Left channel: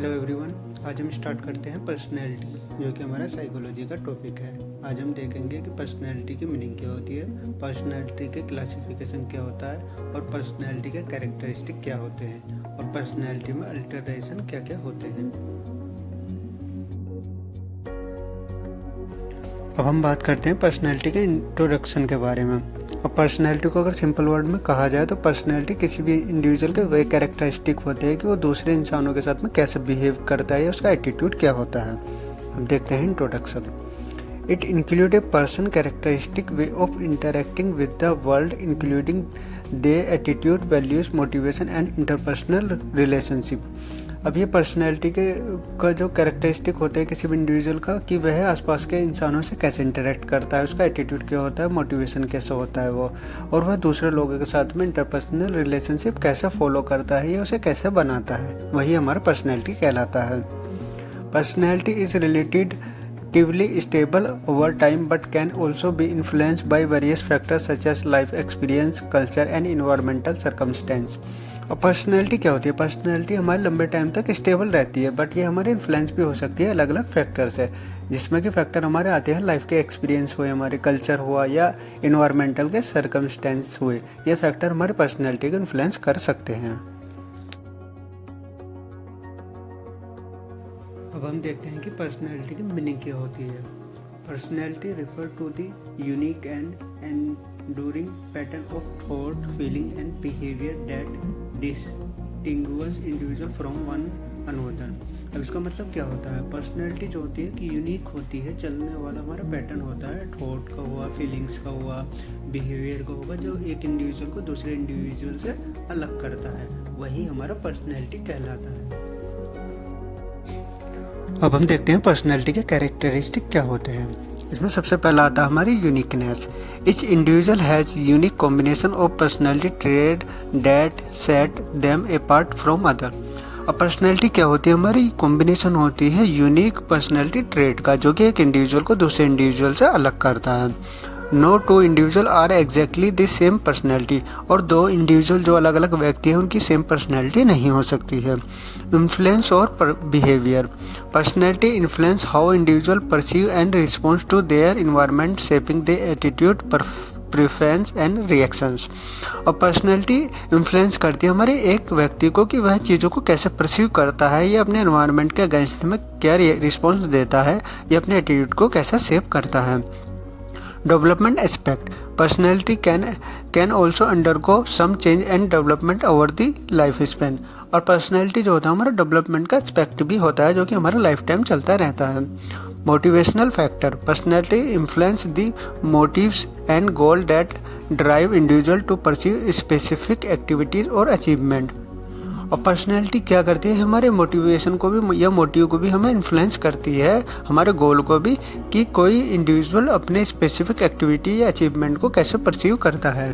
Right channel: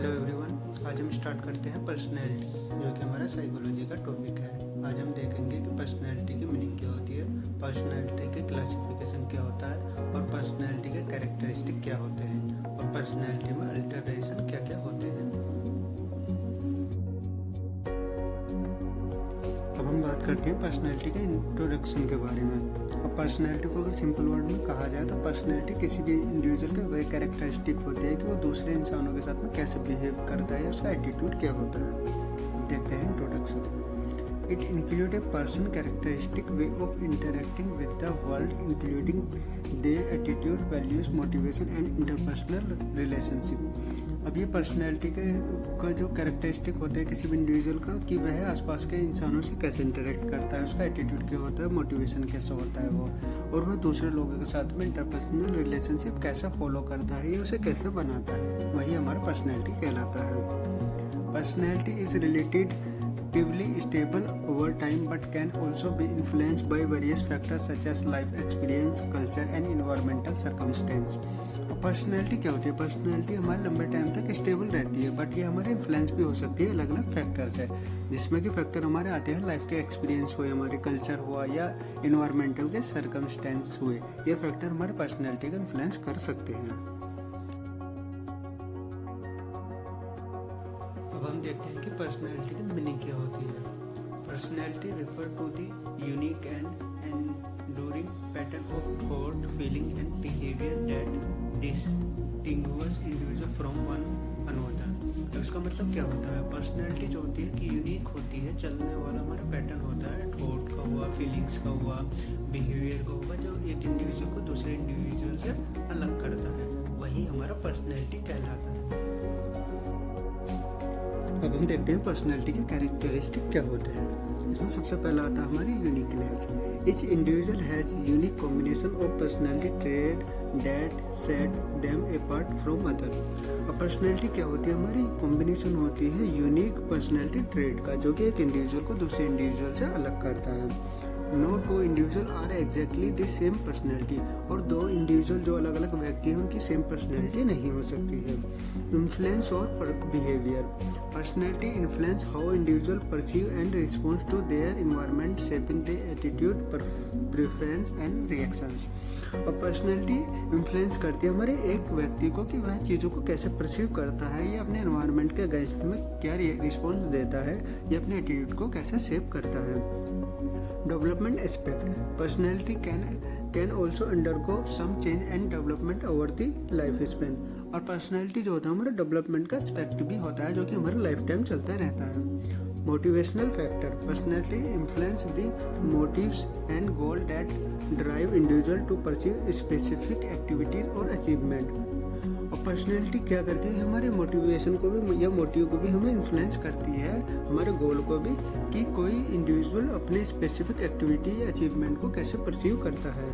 Hello everyone. आज हम start करते हैं पर्सनैलिटी, जो कि हमारा साइकोलॉजी का टॉपिक है। आज हम देखेंगे कि पर्सनैलिटी की मीनिंग क्या होती है, पर्सनैलिटी के क्लासिफिकेशन क्या होता है और पर्सनैलिटी के कैरेक्टरिस्टिक क्या होते हैं और पर्सनैलिटी में अल्टरेशन क्या क्या होते हैं। अब हम बात करते हैं पर्सनैलिटी के इंट्रोडक्शन के बारे में। अब पर्सनैलिटी को अगर सिंपल वर्ड में कहा जाए तो पर्सनैलिटी किसी भी इंडिविजुअल के वे कैरेक्टरिस्टिक होते हैं कि वो दूसरे इंसानों के साथ में कैसे बिहेव करता है या उसका एटीट्यूड क्या होता है। अब देखते हैं introduction. It include a person characteristic way of interacting with the world including they attitude, values, motivation and interpersonal relationship. अब ये पर्सनैलिटी का जो कैरेक्टरिस्टिक होते हैं किसी भी इंडिविजुअल का, कि वह आसपास के इंसानों से कैसे इंटरेक्ट करता है, उसका एटीट्यूड क्या होता है, मोटिवेशन कैसे होता है वो, और वह दूसरे लोगों के साथ में इंटरपर्सनल रिलेशनशिप कैसे फॉलो करता है या उसे कैसे बनाता है, वही हमारा पर्सनैलिटी कहलाता है। Personality is relatively stable over time but can also be influenced by various factors such as life experience, culture and environmental circumstance। और पर्सनैलिटी क्या होती है? पर्सनैलिटी हमारे लंबे टाइम तक स्टेबल रहती है, बट ये हमारे इन्फ्लुएंस भी हो सकती है अलग अलग फैक्टर से, जिसमें कि फैक्टर हमारे आते हैं लाइफ के एक्सपीरियंस हुए, हमारे कल्चर हुआ या इन्वायरमेंटल के सर्कमस्टेंस हुए। ये फैक्टर हमारे पर्सनैलिटी को इन्फ्लुएंस कर सकते हैं। अब हम देखते हैं कि पर्सनैलिटी की मीनिंग क्या होती है। Personality refer to the unique and enduring pattern of thought, feeling and behaviour that distinguish individual from one another. अब इसका मतलब क्या होता है? पर्सनैलिटी जो होती है कि यूनिक होती है, चलने वाला हमारा पैटर्न होता है, थॉट का हुआ, फीलिंग्स का हुआ, बिहेवियर का होगा, जो एक इंडिविजुअल को दूसरे इंडिविजुअल से अलग करता है, वही हमारा पर्सनैलिटी कहलाता है। अब हम देखते हैं पर्सनैलिटी के कैरेक्टरिस्टिक क्या होते हैं। इसमें सबसे पहला आता है हमारी uniqueness. Each individual has unique combination of personality trait that set them apart from other. अब पर्सनैलिटी क्या होती है? हमारी कॉम्बिनेशन होती है यूनिक पर्सनैलिटी ट्रेट का, जो कि एक इंडिविजुअल को दूसरे इंडिविजुअल से अलग करता है। No two individual are exactly the same personality. और दो इंडिविजुअल जो अलग अलग व्यक्ति हैं उनकी सेम पर्सनैलिटी नहीं हो सकती है। इन्फ्लुएंस और behaviour. Personality influence how individual perceive and response to their environment, shaping the attitude, preference and reactions. और पर्सनैलिटी इन्फ्लुएंस करती है हमारे एक व्यक्ति को कि वह चीज़ों को कैसे परसीव करता है, या अपने एनवायरनमेंट के अगेंस्ट में क्या रिस्पॉन्स देता है, या अपने एटीट्यूड को कैसे शेप करता है। Development aspect. Personality can also undergo some change and development over the life span. और पर्सनैलिटी जो होता है हमारा डेवलपमेंट का एस्पेक्ट भी होता है, जो कि हमारा लाइफ टाइम चलता रहता है। Motivational factor. Personality influence the motives and goal that drive individual to perceive specific activities और अचीवमेंट। और पर्सनैलिटी क्या करती है? हमारे मोटिवेशन को भी या मोटिव को भी हमें इन्फ्लुएंस करती है, हमारे गोल को भी, कि कोई इंडिविजुअल अपने स्पेसिफिक एक्टिविटी या अचीवमेंट को कैसे परसीव करता है।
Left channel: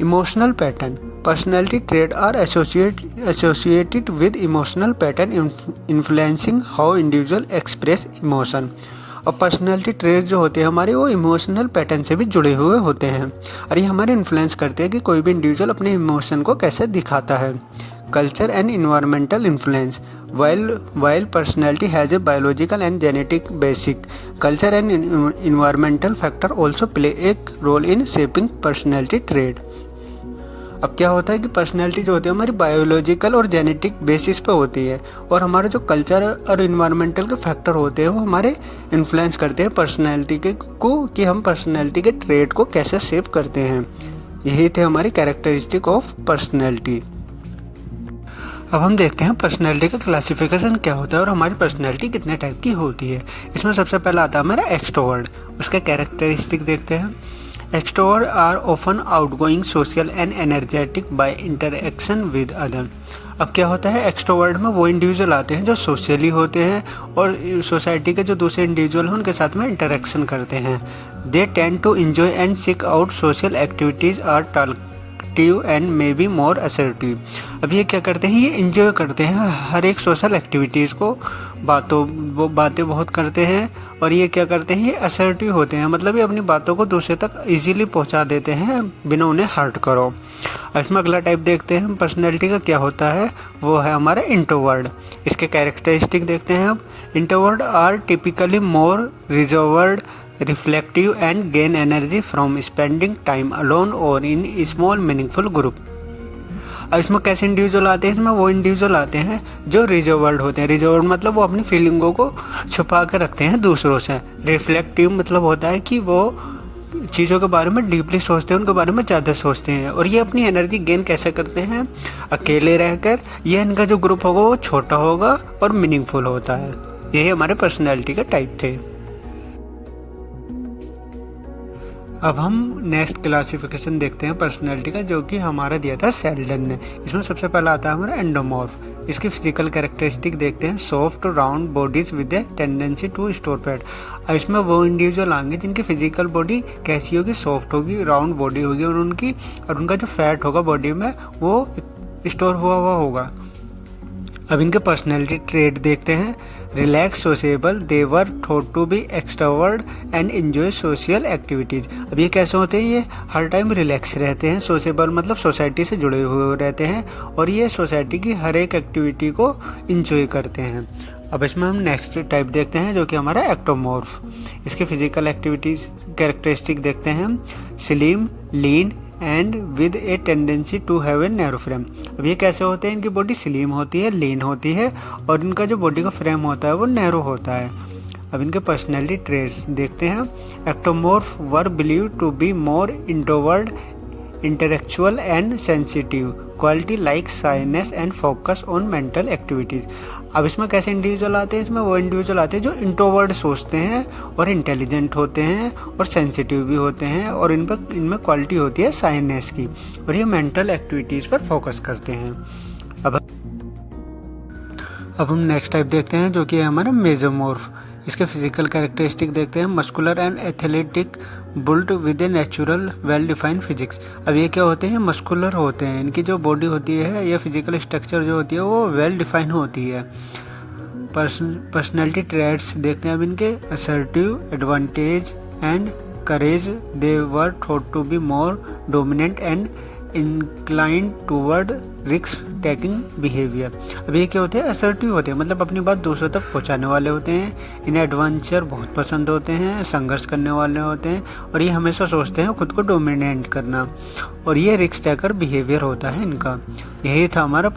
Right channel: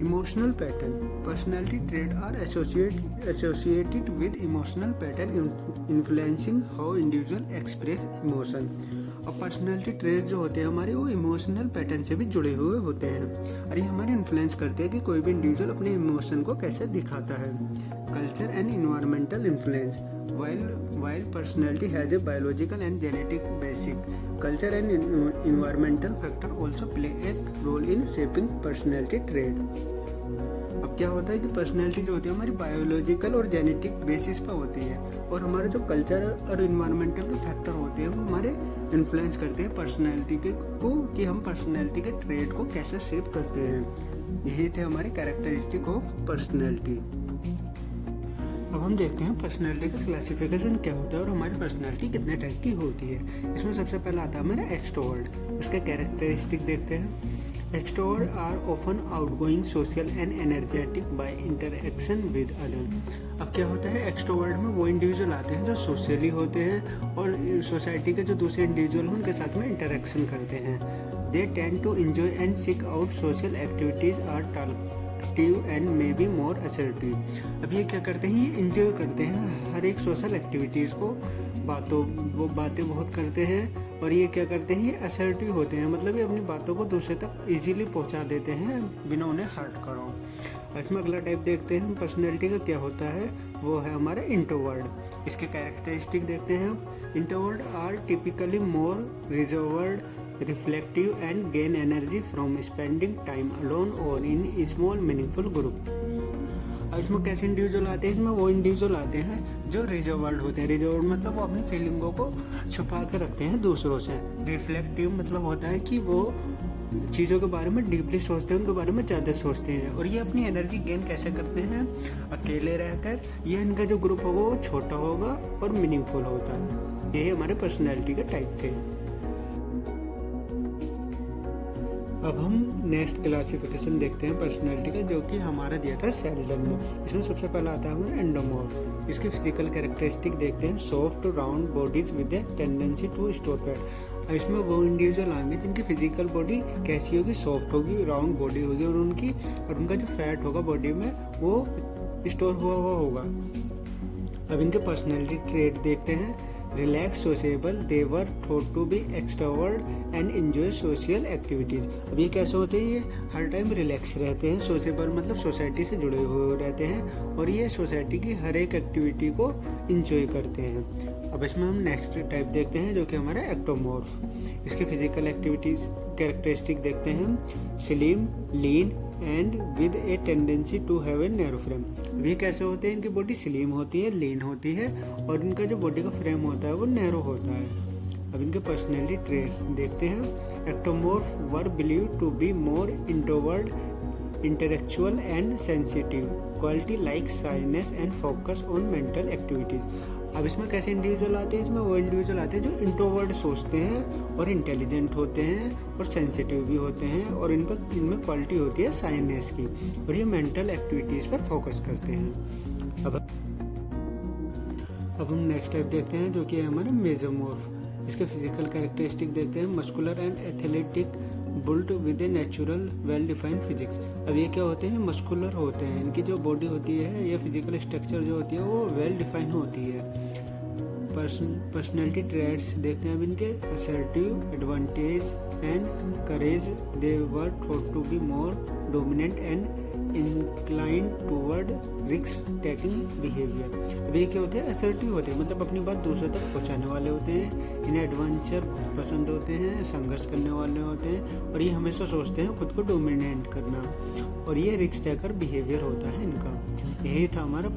Emotional pattern. Personality trait are associated with emotional pattern influencing how individual express emotion. और पर्सनैलिटी ट्रेट जो होते हैं हमारे, वो इमोशनल पैटर्न से भी जुड़े हुए होते हैं, और ये हमारे इन्फ्लुएंस करते हैं कि कोई भी इंडिविजुअल अपने इमोशन को कैसे दिखाता है। Culture and environmental influence. while personality has a biological and genetic basic, culture and environmental factor also play a role in shaping personality trait। अब क्या होता है कि पर्सनैलिटी जो होती है हमारी बायोलॉजिकल और जेनेटिक बेसिस पे होती है, और हमारे जो कल्चर और इन्वायरमेंटल के फैक्टर होते हैं वो हमारे इन्फ्लुएंस करते हैं पर्सनैलिटी को, कि हम पर्सनैलिटी के ट्रेट को कैसे शेप करते हैं। यही थे हमारी कैरेक्टरिस्टिक ऑफ पर्सनैलिटी। अब हम देखते हैं पर्सनैलिटी का क्लासिफिकेशन क्या होता है और हमारी पर्सनैलिटी कितने टाइप की होती है। इसमें सबसे पहला आता है हमारा एक्सट्रोवर्ट। उसके कैरेक्टरिस्टिक देखते हैं। Extrovert are often outgoing, social and energetic by interaction with other. अब क्या होता है? एक्सट्रोवर्ट में वो इंडिविजुअल आते हैं जो सोशली होते हैं और सोसाइटी के जो दूसरे इंडिविजुअल हैं उनके साथ में इंटरेक्शन करते हैं। They tend to enjoy and seek out social activities, are talkative and may be more assertive. अब ये क्या करते हैं? ये इंजॉय करते हैं हर एक सोशल एक्टिविटीज़ को, बातें बहुत करते हैं और ये क्या करते हैं, ये असर्टिव होते हैं, मतलब ये अपनी बातों को दूसरे तक इजीली पहुंचा देते हैं बिना उन्हें हर्ट करो। इसमें अगला टाइप देखते हैं पर्सनैलिटी का क्या होता है, वो है हमारा इंट्रोवर्ट। इसके कैरेक्टरिस्टिक देखते हैं अब। Introvert are typically more reserved, reflective and gain energy from spending time alone और इन स्मॉल मीनिंगफुल ग्रुप। अब इसमें कैसे इंडिविजुअल आते हैं, इसमें वो इंडिविजुअल आते हैं जो रिजर्वर्ड होते हैं। रिजर्वर्ड मतलब वो अपनी फीलिंगों को छुपा कर रखते हैं दूसरों से। रिफ्लेक्टिव मतलब होता है कि वो चीज़ों के बारे में डीपली सोचते हैं, उनके बारे में ज़्यादा सोचते हैं। और ये अपनी एनर्जी गेन कैसे करते हैं, अकेले रहकर। ये इनका जो ग्रुप होगा वो छोटा होगा और मीनिंगफुल होता है। यही हमारे पर्सनैलिटी के टाइप थे। अब हम नेक्स्ट क्लासिफिकेशन देखते हैं पर्सनैलिटी का, जो कि हमारा दिया था सेल्डन ने। इसमें सबसे पहला आता है हमारा एंडोमॉर्फ। इसकी फिजिकल कैरेक्टरिस्टिक देखते हैं। Soft round bodies with a tendency to store fat. अब इसमें वो इंडिविजुअल आएंगे जिनकी फिजिकल बॉडी कैसी होगी, सॉफ्ट होगी, राउंड बॉडी होगी, और उनका जो फैट होगा बॉडी में वो स्टोर हुआ होगा। अब इनके पर्सनैलिटी ट्रेट देखते हैं। Relax, sociable, they were thought to be extrovert and enjoy social activities. अब ये कैसे होते हैं, ये हर टाइम रिलैक्स रहते हैं। सोशेबल मतलब सोसाइटी से जुड़े हुए रहते हैं, और ये सोसाइटी की हर एक एक्टिविटी को इंजॉय करते हैं। अब इसमें हम नेक्स्ट टाइप देखते हैं, जो कि हमारा एक्टोमॉर्फ। इसके फिजिकल एक्टिविटीज़ कैरेक्टरिस्टिक देखते हैं हम। Slim, lean and with a tendency to have a narrow frame. अब ये कैसे होते हैं, इनकी बॉडी स्लिम होती है, लीन होती है, और इनका जो बॉडी का फ्रेम होता है वो नैरो होता है। अब इनके पर्सनैलिटी ट्रेट्स देखते हैं। Ectomorph were believe to be more introvert, intellectual and sensitive, quality like shyness and focus on mental activities. अब इसमें कैसे इंडिविजुअल आते हैं, इसमें वो इंडिविजुअल आते हैं जो इंट्रोवर्ट सोचते हैं और इंटेलिजेंट होते हैं और सेंसिटिव भी होते हैं, और इनमें क्वालिटी होती है शाइनेस की, और ये मेंटल एक्टिविटीज़ पर फोकस करते हैं। अब हम नेक्स्ट टाइप देखते हैं, जो कि है हमारा मेसोमॉर्फ। इसके फिजिकल कैरेक्टरिस्टिक देखते हैं। Muscular and athletic, built with a natural well defined physics. अब ये क्या होते हैं, मस्कुलर होते हैं। इनकी जो बॉडी होती है या फिजिकल स्ट्रक्चर जो होती है वो वेल डिफाइन होती है। पर्सनैलिटी ट्रेट्स देखते हैं अब इनके। Assertive, advantage and courage, they were thought to be more dominant and inclined toward risk taking behavior. अब ये क्या होते हैं, असर्टिव होते हैं, मतलब अपनी बात दूसरों तक पहुंचाने वाले होते हैं। इन्हें एडवेंचर बहुत पसंद होते हैं, संघर्ष करने वाले होते हैं, और ये हमेशा सोचते हैं खुद को डोमिनेट करना, और ये रिस्क टेकर बिहेवियर होता है इनका। यही था हमारा।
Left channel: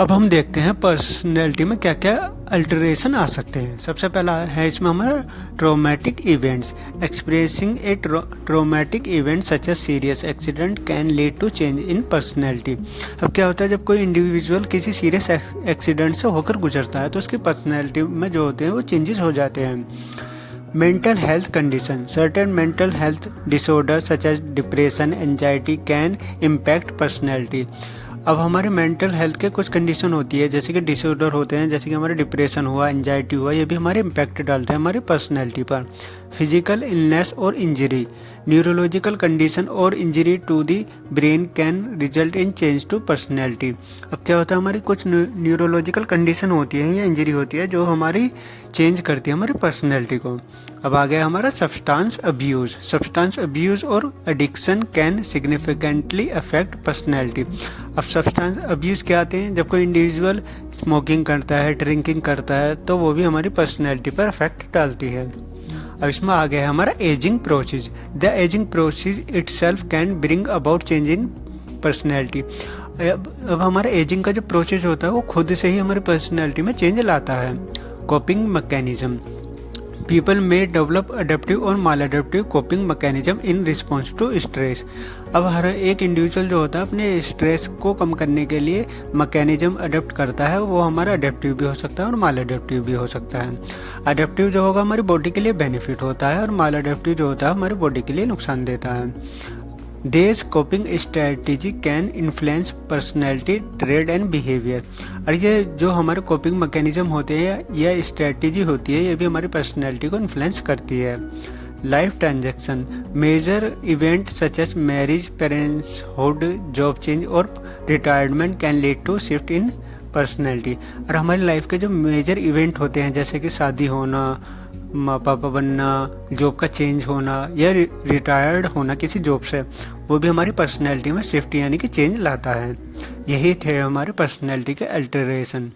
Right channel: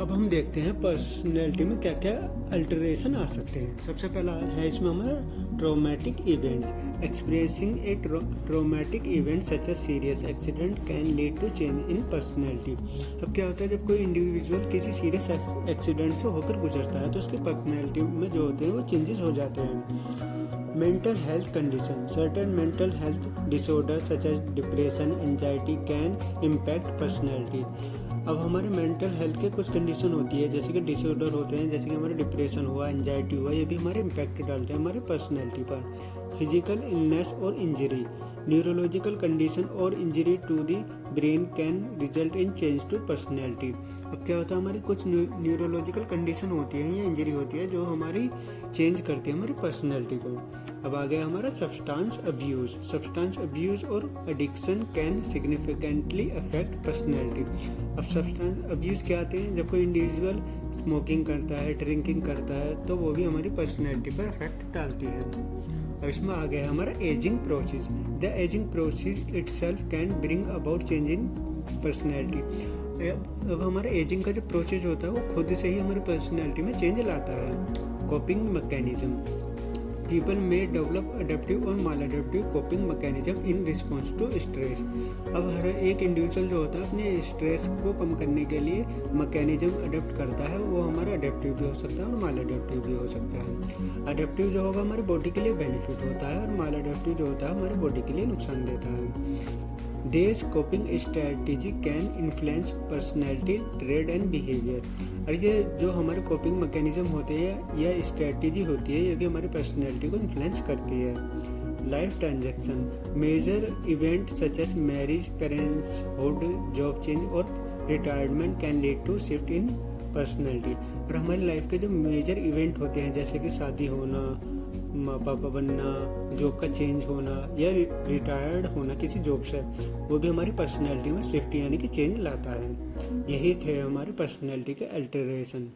अब हम देखते हैं पर्सनैलिटी में क्या क्या अल्टरेशन आ सकते हैं। सबसे पहला है इसमें हमारा traumatic events. Experiencing a traumatic event such as serious accident can lead to change in personality. अब क्या होता है, जब कोई इंडिविजुअल किसी सीरियस एक्सीडेंट से होकर गुजरता है तो उसकी पर्सनैलिटी में जो होते हैं वो चेंजेस हो जाते हैं। Mental health condition, certain mental health disorder such as depression, anxiety can impact personality. अब हमारे मेंटल हेल्थ के कुछ कंडीशन होती है, जैसे कि डिसऑर्डर होते हैं, जैसे कि हमारे डिप्रेशन हुआ, एंजाइटी हुआ, ये भी हमारे इम्पैक्ट डालते हैं हमारी पर्सनैलिटी पर। फिजिकल इलनेस और इंजरी, न्यूरोलॉजिकल कंडीशन और injury to the brain can result in change to personality. अब क्या होता है, हमारी कुछ न्यूरोलॉजिकल कंडीशन होती है या इंजरी होती है जो हमारी चेंज करती है हमारी पर्सनैलिटी को। अब आ गया हमारा सब्सटेंस अब्यूज। सब्सटेंस अब्यूज और addiction can significantly affect personality. अब सब्सटेंस अब्यूज क्या आते हैं, जब कोई इंडिविजुअल स्मोकिंग करता है, ड्रिंकिंग करता है, तो वो भी हमारी पर्सनैलिटी पर अफेक्ट डालती है। अब इसमें आ गया है हमारा ageing process. The ageing process itself can bring about change in personality. अब हमारा एजिंग का जो प्रोसेस होता है वो खुद से ही हमारी पर्सनैलिटी में चेंज लाता है। कोपिंग मैकेनिज्म, पीपल में डेवलप अडेप्टिव और maladaptive coping mechanism in response to stress. अब हर एक इंडिविजुअल जो होता है अपने स्ट्रेस को कम करने के लिए मैकेनिज्म अडेप्ट करता है। वो हमारा अडेप्टिव भी हो सकता है और माल अडेप्टिव भी हो सकता है। अडेप्टिव जो होगा हमारी बॉडी के लिए बेनिफिट होता है, और माल अडेप्टिव जो होता है हमारी बॉडी के लिए नुकसान देता है। These coping strategy can influence personality, trait and behavior। और ये जो हमारे कोपिंग मैकेनिज्म होते हैं या स्ट्रेटजी होती है, ये भी हमारी पर्सनैलिटी को इन्फ्लुएंस करती है। Life transaction, major event such as marriage, parentshood, job change और retirement can lead to shift in personality. और हमारी लाइफ के जो मेजर इवेंट होते हैं जैसे कि शादी होना, माँ पापा बनना, जॉब का चेंज होना या रिटायर्ड होना किसी जॉब से, वो भी हमारी पर्सनैलिटी में शिफ्ट यानी कि चेंज लाता है। यही थे हमारे पर्सनैलिटी के अल्टरेशन।